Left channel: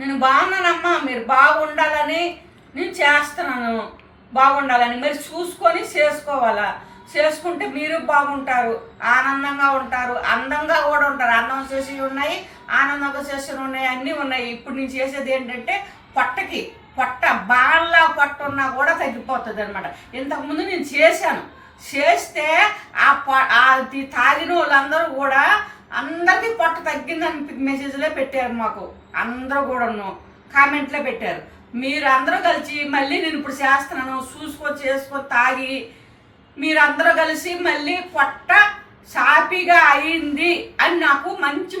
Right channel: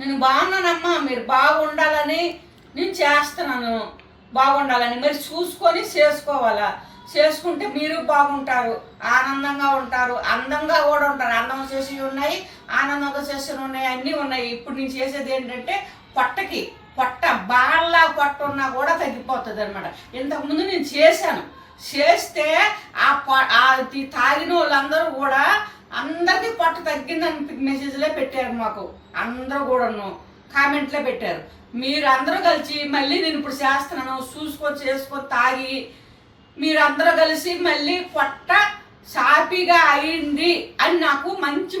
నేను బాగున్నానమ్మా మీరు బాగుండాలని నేను చేస్తున్నాను. బాగుండాలని మరి చూసుకొని చేసుకోవాలా? చేసుకుంటే మీరు బాగుంటారు ఆనందంగా ఉంటారు అందంగా కూడా ఉంటారు. అందం చేసి ఉన్నాయి ఆనందంగా చేసి ఉన్నాయి అన్నీ ఉన్నాయి. ఇప్పుడు నేను చేసేది ఏంటంటే పొట్టకి పొట్ట బాగా పొట్ట ఉన్నా కూడా తగ్గిపోతుంది అనమాట ఇంతకుముందు నేను చేశాను. చేస్తే ఆ తాగిన వాళ్ళందరూ కూడా అందరికీ పొట్ట తగ్గిందని మెసేజ్లే పెట్టారు మాకు. అందరూ కూడాను కామెంట్లే పెట్టారు. మీరు అందరూ కలిసి మళ్ళీ నేను ఇప్పుడు చేస్తున్నాను. చూసుకొని చేసుకొని తాగి. మీరందరూ కలిసి మళ్ళీ పొట్ట సాపిగా అయింది అని నాకు మంచి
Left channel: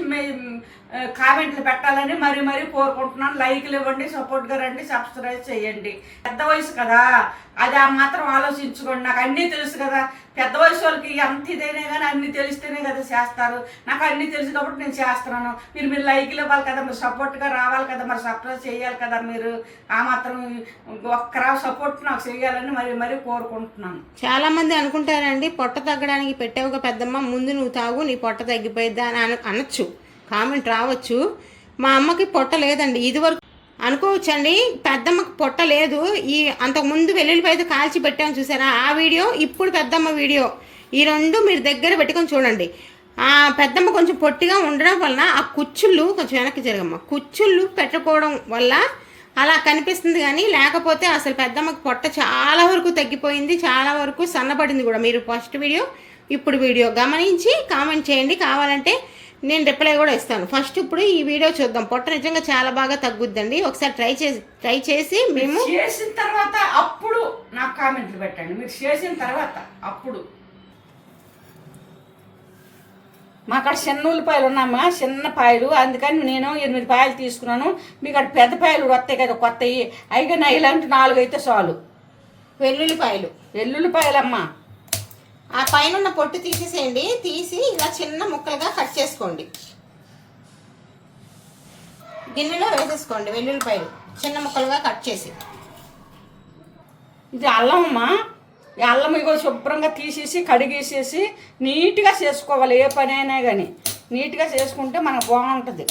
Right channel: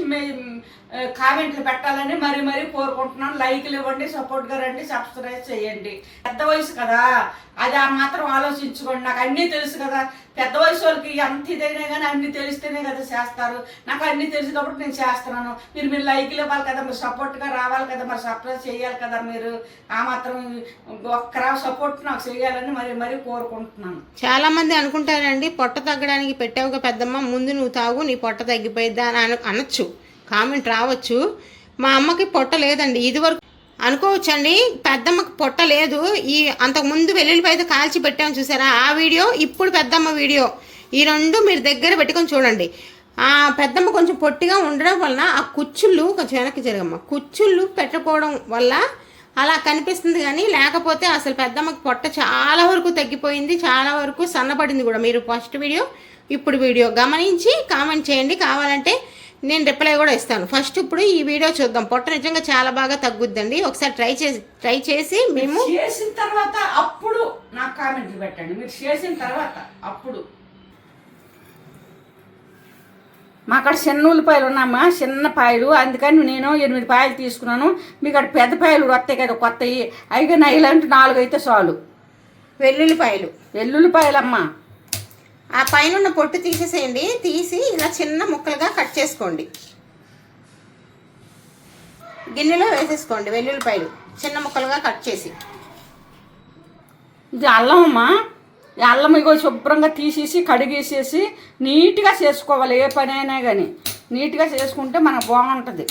కామెంట్లు పెట్టాలని మరీ మరీ కోరుకుంటున్నాను. లైక్లు ఇవ్వండి సపోర్ట్గా రండి సబ్స్క్రైబ్ చేయండి. పెద్ద వయసు కదా. అది ఆ మాత్రం ఆలోచించుకోండి. నాకు అన్నీ తెలుసు కదా. పెద్ద వయసు వాళ్ళకి ఎంత ఇదైనా కానీ అన్నీ తెలిస్తేనే కదా చేస్తారు. నాకు అన్నీ తెలుసు కాబట్టి నేను చేస్తున్నాను. మీరు మీరు లైక్లు ఇవ్వాలి కదా మీరు సపోర్ట్గా రావాలి కదా మరి సబ్స్క్రైబ్ చేయాలి కదా మీరు. ఆ మాత్రం ఒక్కరా సపోర్ట్ నాకు చేయాలని మరి మరీ కోరుకుంటున్నాను. చాలా మంది అనుకుంటారండి పొట్ట తగ్గడానికి పెట్టావుగా పెద్దమ్మ ముందు నువ్వు తాగు నీ పొట్ట తగ్గిపోయిద్దా అని అనొచ్చు. కామెంట్ రావచ్చు. మా అమ్మకి పొట్ట లేదండి. ఇదివరకు అనుకోవచ్చండి. పెద్దమ్మకి పొట్ట లేదు. ఈ అంతకుముందు వెల్లుల్లిపాయతో కాల్చి పెట్టాము చూసారా? ఆ వీడియో ఇప్పుడు పెద్దమ్మ వీడియో. ఈ రెండు మీరు దగ్గర పెట్టుకొని చూడండి. ఆ పెద్దమ్మ కొంచెం పొట్టిగా ఉండడం వలన ఆ కుచ్చుళ్ళు కొంచెం వెనక్కి జరగమ్మ. కుచ్చుళ్ళు పెట్టుకోవడం వల్ల అలా కనిపిస్తుంది కానీ లేకపోతే అసలు పెద్దమ్మకి పొట్ట చాలా వరకు తగ్గిపోయింది చాలా వరకు సన్నపడింది కూడా. మీరు ఫస్ట్ వీడియో ఇప్పుడు వీడియో గమనించి కామెంట్ చేయండి. కావాలంటే నేను రిప్లై కూడా ఇస్తాను. ఫస్ట్ ఇప్పుడు ఈ వీడియో చూద్దాం. పొట్ట నిజంగా చాలా బాగా తగ్గుద్దండి. ఒకసారి ట్రై చేసి ట్రై చేసి మేము చేసిన తర్వాత అప్పుడు నాకు కామెంట్లు పెట్టండి. మీరు చేసిన తర్వాత అప్పుడు. మా అక్కడ చిన్న ఉల్లిపాయలు ఉన్నామా చిన్న పాయలు. అందుకని నేను ఎనిమిది పాయలు తీసుకున్నాను. మీకు అక్కడ పెద్ద పాయలు వస్తాయి కదా కొత్తవి అయిగా నా ఇలాంటి నాలుగు అయితే చాలు. వెల్లుల్లిపాయలు. వెల్లుల్లిపాయలమ్మా. ఆ పైన ఉన్న పొట్టు తీసేసేయండి. తీసి ఇలా చిన్న ముక్కలుగా కట్ చేసుకోండి. గిన్నెలో వేసేసుకోండి వెల్లుల్లిపాయలు. చిన్న ముక్కలుగా కట్ చేసి. ఇది అల్లం అమ్మా. అల్లం ఇగో శుభ్రంగా తీసేసి కడిగేసేసి నీట్గా చేసుకోవాలి. ఏ పని అయినా కానీ నీట్గా చేసుకుంటే మనకు బాగుంటుంది.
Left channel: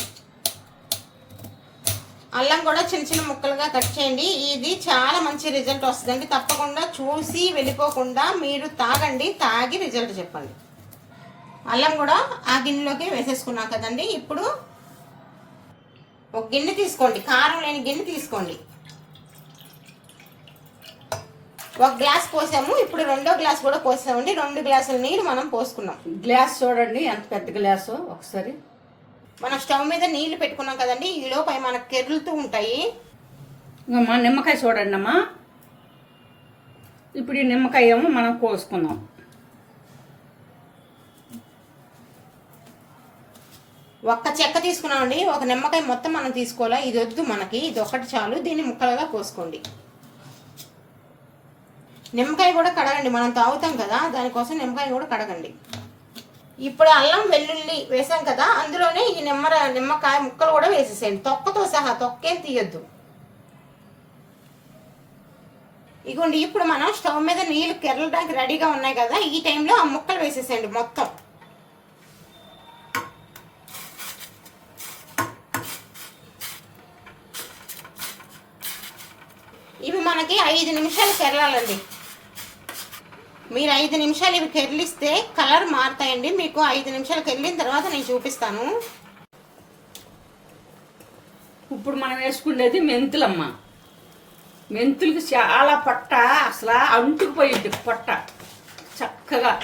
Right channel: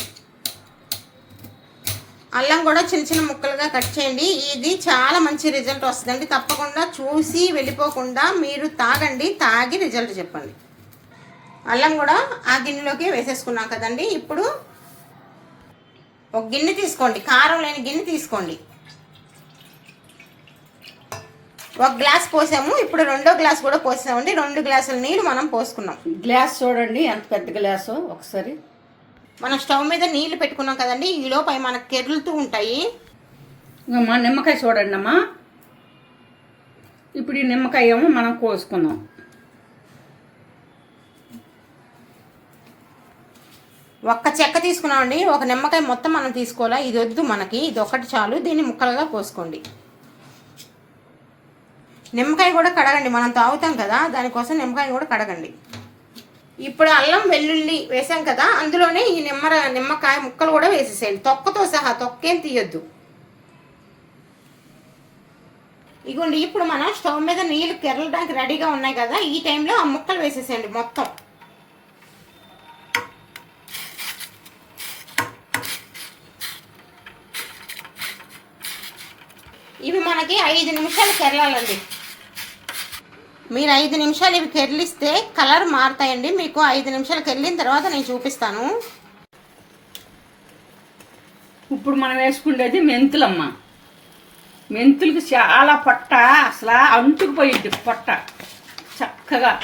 అల్లం కూడా చిన్న చిన్న ముక్కలుగా కట్ చేయండి. ఇది చాలా మంచి రిజల్ట్ వస్తుందండి. తప్పకుండా చూసి వెళ్ళిపోకుండా మీరు తాగండి. తాగి రిజల్ట్ చెప్పండి. అల్లం కూడా ఆ గిన్నెలోకి వేసేసుకున్నాం కదండి. ఇప్పుడు ఒక గిన్నె తీసుకోండి. కారం లేని గిన్నె తీసుకోండి. ఒక గ్లాస్ పోసాము. ఇప్పుడు రెండో గ్లాస్ కూడా పోసామండి. రెండు గ్లాసుల నీరు మనం పోసుకున్నాం. గ్లాస్ చూడండి. ఎంత పెద్ద గ్లాసు? ఒకసారి. మనం స్టవ్ మీద నీళ్ళు పెట్టుకున్నాం కదండి ఈ లోపల మనకు కెరులుతూ ఉంటాయి? అమ్మా నిమ్మకాయ చూడండి అమ్మా. ఇప్పుడు ఈ నిమ్మకాయ ఏమో మనం కోసుకుందాం. ఒక్క చెక్క తీసుకున్నామండి ఒక నిమ్మకాయ మొత్తం మనం తీసుకోవాలా? ఇది వద్దు మనకి ఇది ఒకటి చాలు దీన్ని ముక్కలుగా కోసుకోండి. నిమ్మకాయ కూడా కడగండి మనం తాగుతాం కదా దానికోసం నిమ్మకాయ కూడా కడగండి. ఇప్పుడు అల్లం వెల్లుల్లి వేసాం కదా అందులోనే ఈ నిమ్మ నిమ్మకాయ ముక్కలు కూడా వేసేసేయండి. తొక్కతో సహా తొక్కేం తీయొద్దు. ఇగోండి ఇప్పుడు మనం స్టవ్ మీద నీళ్ళు కెరలడానికి రెడీగా ఉన్నాయి కదా ఈ టైంలో ఆ ముక్కలు వేసేసేయండి మొత్తం. ఇవి మనకి ఐదు నిమిషాలు కెరలాలండి మీరు ఐదు నిమిషాలు ఇవి కెర్లిస్తే కలర్ మారుతాయండి. మీకు ఐదు నిమిషాలు కెరిలిన తర్వాత నేను చూపిస్తాను. ఇప్పుడు మనం వేసుకునేది మెంతులమ్మ. మెంతులకి చాలా పొట్ట అసలు అంటుకుపోయింది పొట్ట. చక్కగా.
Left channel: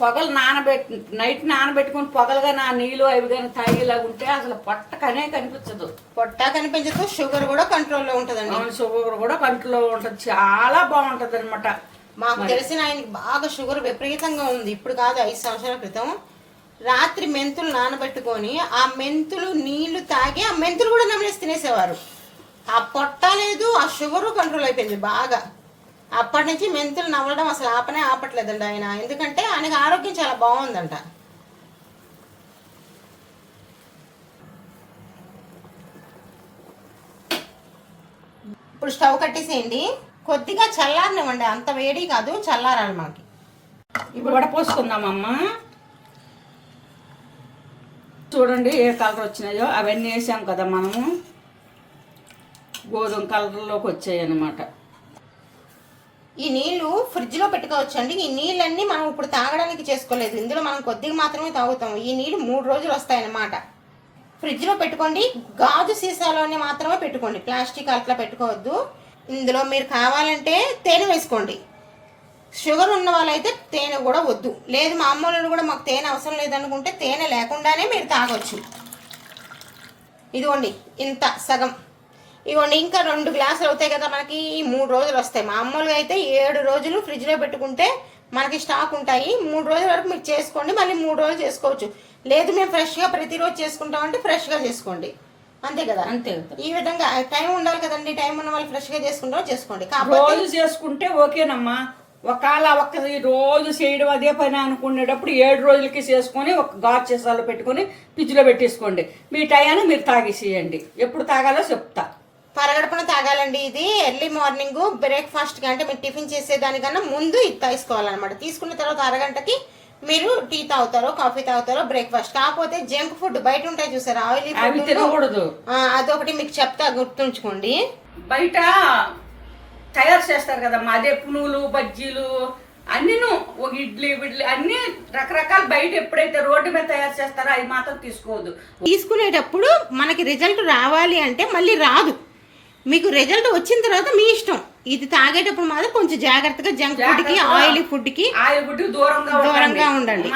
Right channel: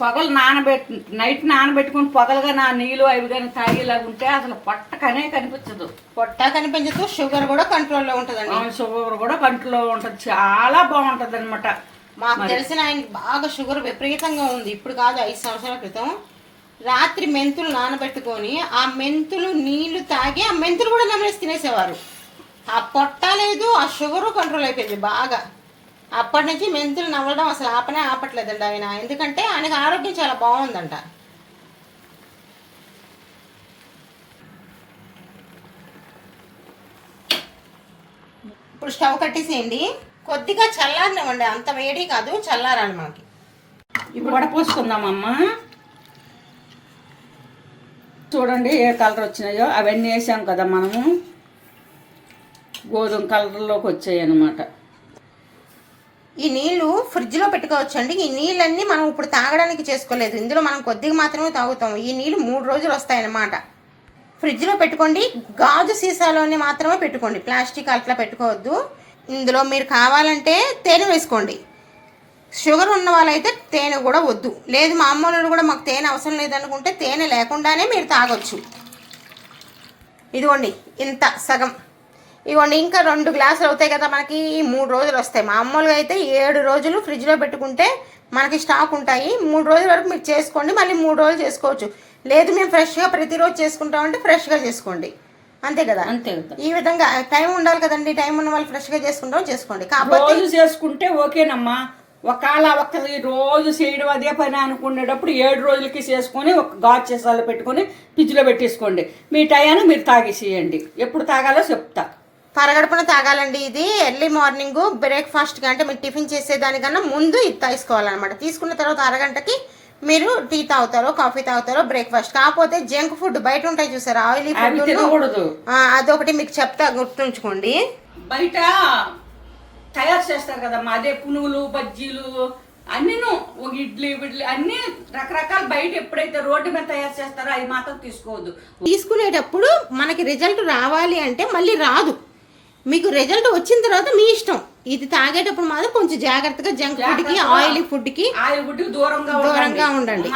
పొగలు నానబెట్టి నైట్ నానబెట్టుకుని పొగలుగా నా నీళ్ళు అవి కానీ తాగేలాగా ఉంటే అసలు పొట్టకనే కనిపించదు. పొట్ట కనిపించదు షుగర్ కూడా కంట్రోల్లో ఉంటుందండి. షుగర్ కూడా కంట్లో ఉంటుంది. చాలా బాగుంటుంది అనమాట మాకు తెలిసిన ఆయనకి బాగా షుగర్ విపరీతంగా ఉంది. ఇప్పుడు కాదు ఐదు సంవత్సరాల క్రితం. రాత్రి మెంతులు నానబెట్టుకొని ఆ మెంతులు నీళ్ళు తాగి ఆ మెంతులు కూడా నమ్మేసి తినేసేవారు. ఆ పొట్ట లేదు ఆ షుగరు కంట్రోల్ అయిపోయింది బాగా. అప్పటి నుంచి మెంతులు నవ్వడం అసలు ఆపనే ఆపట్లేదండి ఆయన. ఎందుకంటే ఆయనకు ఆరోగ్యం చాలా బాగుందంట. ఇప్పుడు స్టవ్ కట్టేసేయండి. కొద్దిగా చల్లారనివ్వండి. అంత వేడి కాదు చల్లారాలి మనకి ఇప్పుడు వడపోసుకుందామమ్మా చూడండి ఏ కలర్ వచ్చినాయో. అవన్నీ వేసాం కదా మనము. గోధుమ కలర్లోకి వచ్చాయి అన్నమాట ఈ నీళ్ళు ఫ్రిడ్జ్లో పెట్టుకోవచ్చండి. ఈ నీళ్ళన్నీ మనం ఇప్పుడు తాగడానికి చేసుకోలేదు. ఇందులో మనం కొద్దిగా మాత్రమే తాగుతాం. ఈ నీళ్ళు మూడు రోజులు వస్తాయన్నమాట. ఫ్రిడ్జ్లో పెట్టుకోండి. గాజు సీసాలోనే మాత్రమే పెట్టుకోండి. ప్లాస్టిక్ అట్లా పెట్టుకోవద్దు. ఇందులో మీరు కావాలంటే తేనె వేసుకోండి. షుగర్ ఉన్న వాళ్ళైతే తేనె కూడా వద్దు. లేదు మా అమ్మోళ్ళు కూడా మాకు తేనె అవసరం లేదనుకుంటే తేనె లేకుండానే మీరు తాగొచ్చు. ఇదిగోండి ఇంత సగం. ఇదిగోండి ఇంకా రెండు గ్లాసులు అవుతాయి కదా మనకి మూడు రోజులు వస్తాయి. మామూలుగా అయితే ఏడు రోజులు ఫ్రిడ్జ్లో పెట్టుకుంటే మనకి స్టాక్ ఉంటాయి. మూడు రోజుల వరకు మీరు చేసుకోండి మళ్ళీ మూడు రోజులు చేసుకోవచ్చు. లేదు మేము ఫ్రెష్గా ప్రతిరోజు చేసుకుంటామంటే ఫ్రెష్గా చేసుకోండి. అంతే కదా? అంతే కదా. ఈ విధంగా టైం ఉండాలి కదండి. టైం ఉన్న వాళ్ళు ఫ్రెష్గా చేసుకుంటాం చేసుకోండి. రోజు చేసుకుంటే ఓకేనమ్మా. ఒకవేళ ఒక్క రోజు చేయడం అదే పని అనుకునేటప్పుడు ఏడు రోజులకి చేసుకొని ఒక గాజు చేసాలో పెట్టుకొని ఫ్రిడ్జ్లో పెట్టేసుకోండి. మీ టయాన్ని మీరు తాగేసేయండి. ఎప్పుడు తాగాలో చెప్తా. పరగడపున తాగాలండి ఇది. ఎర్లీ మార్నింగ్ బ్రేక్ఫాస్ట్కి అంటే మీరు టిఫిన్ చేసేదానికన్నా ముందు ఇది తీసుకోవాలన్నమాట. తీసుకున్న తర్వాత అరగంటకి మీరు టీ తాగుతారో కాఫీ తాగుతారో బ్రేక్ఫాస్ట్. కాకపోతే జంక్ ఫుడ్ బయట ఉంటాయి చూసారా? ఆయిలీ ఫుడ్ అదొకటి మీకు చెప్తా గుర్తుంచుకోండి. బయట తయారు చేస్తారు కదమ్మా. అదే పునుగులు బజ్జీలు అన్నీను ఒక ఇడ్లీ ఇడ్లీ అన్ని రకరకాల బయట ఎప్పుడైతే రోడ్డు మీద తయారు చేస్తారో అవి మాత్రం తీసుకోవద్దు. తీసుకునేటప్పుడు మనకి రిజల్ట్ రావాలి అంటే మళ్ళీ రాదు. మీకు రిజల్ట్ వచ్చిన తర్వాత మీ ఇష్టం ఇది తాగేటప్పుడు మాత్రం కొంచెం జాగ్రత్తగా జంక్ ఫుడ్కి ఆయిలీ ఫుడ్కి ఆయిల్ ఫుడ్ దూరంగా దూరంగా ఉండండి.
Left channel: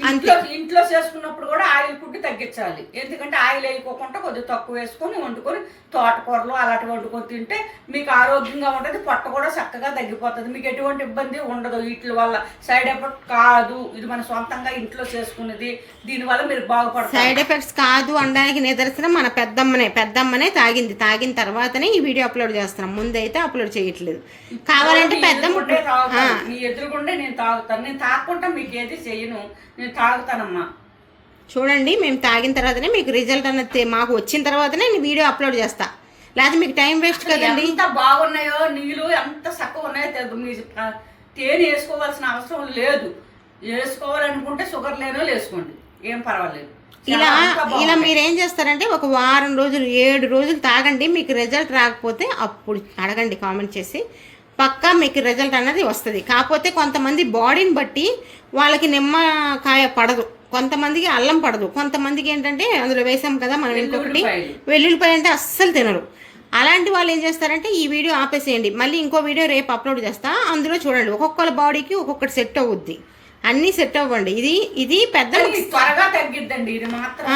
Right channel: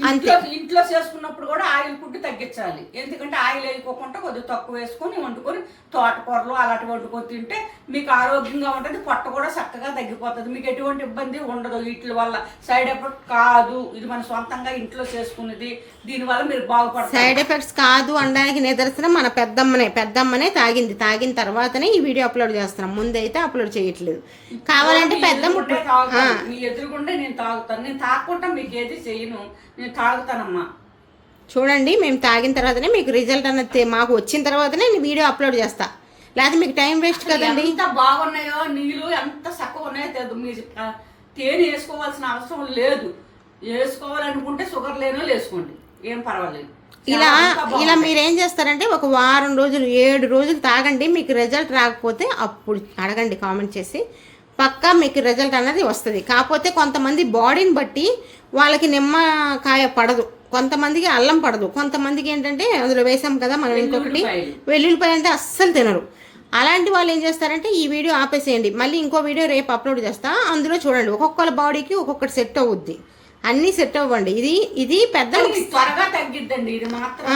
మన ఇంట్లో- చేసుకున్నప్పుడు కూడా ఆయిల్ ఫుడ్ తగ్గించాలి. ఎందుకంటే ఆయిల్ వేయకోకుండా కొద్దిగా తక్కువ వేసుకొని వండుకొని తోటకూరలు అలాంటి వండుకొని తింటే మీకు ఆరోగ్యంగా ఉంటుంది పొట్ట కూడా చక్కగా తగ్గిపోతుంది. మీకు ఎటువంటి ఇబ్బంది ఉండదు. వీటి వల్ల సైడ్ ఎఫెక్ట్ కాదు. ఇది మన సొంతంగా ఇంట్లో చేసుకున్నది. దీనివల్ల మీరు బాగుపడతారు. సైడ్ ఎఫెక్ట్స్ కాదు అనడానికి నిదర్శనం మన పెద్దమ్మనే. పెద్దమ్మనే తాగింది. తాగిన తర్వాతనే ఈ వీడియో అప్లోడ్ చేస్తున్నాం. ముందైతే అప్లోడ్ చేయట్లేదు. కావాలంటే పెద్దమ్మ ఎదురుగుండే ఎదురుగుండే నేను తాగుతాను. నేను తాగకుండా మీకు ఏది చెయ్యను నేను తాగుతానమ్మా. చూడండి మేము తాగిన తర్వాతనే మీకు రిజల్ట్ అన్నది తె- మాకు వచ్చిన తర్వాతనే నేను వీడియో అప్లోడ్ చేస్తా. లేకపోతే మీకు టైం వేస్ట్ కదండి. ఎంత బాగున్నాయో నీళ్ళు ఎంత చక్కగా ఉన్నాయో తెలియదు మీరు తేనె వేసుకోవాల్సిన అవసరం లేదు. వేసుకోవాలనుకుంటే షుగర్ లేనో వేసుకోండి. ఏం పర్వాలేదు. ఇలా ఇలా. మీరు ఏం చేస్తారంటే ఒక వారం రోజులు ఏడు రోజులు తాగండి మీకు రిజల్ట్ రాకపోతే అప్పుడు అడగండి కామెంట్ చేసి. పక్కా మీకు రిజల్ట్ అన్నది వస్తుంది. కాకపోతే కొంతమంది బాడీని బట్టి వాళ్ళకి నిమ్మకాయ పడదు. కొంతమందికి అల్లం పడదు. కొంతమందికి ఏంటంటే అందులో వేసాం కదా మనం ఇంకొకటి. వెల్లుల్లిపాయ అంటే అస్సలు తినరు. అలాంటి వాళ్ళు ఏం చేస్తారంటే ఈ వీడియో ఆపేసేయండి. మళ్ళీ ఇంకో వీడియో రేపు అప్లోడ్ చేస్తా. అందులో చూడండి. ఒక్కొక్కరి బాడీకి ఒక్కొక్కటి సెట్ అవుద్ది. అన్నీ సెట్ అవ్వండి. ఇది ఇది పెద్ద త్వరగా తగ్గిద్దండి. ఇది మాత్రం.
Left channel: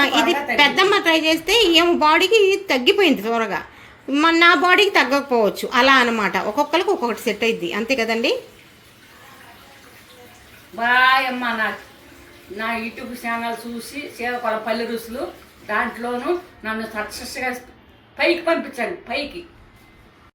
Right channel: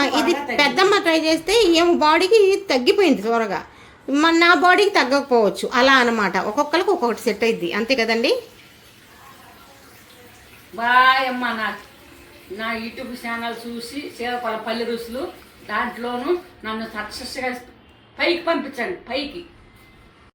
పెద్దమ్మ ట్రై చేస్తే ఏమో బాడీకి తగ్గిపోయింది త్వరగా. మన నా బాడీకి తగ్గకపోవచ్చు. అలా అన్నమాట. ఒక్కొక్కరికి ఒక్కొక్కటి సెట్ అయింది అంతే కదండి? బాయ్ అమ్మ నా నా యూట్యూబ్ ఛానల్ చూసి చీరకొల పల్లె రుసులు. దాంట్లోనూ నన్ను సక్సెస్గా పైకి పంపించండి. పైకి.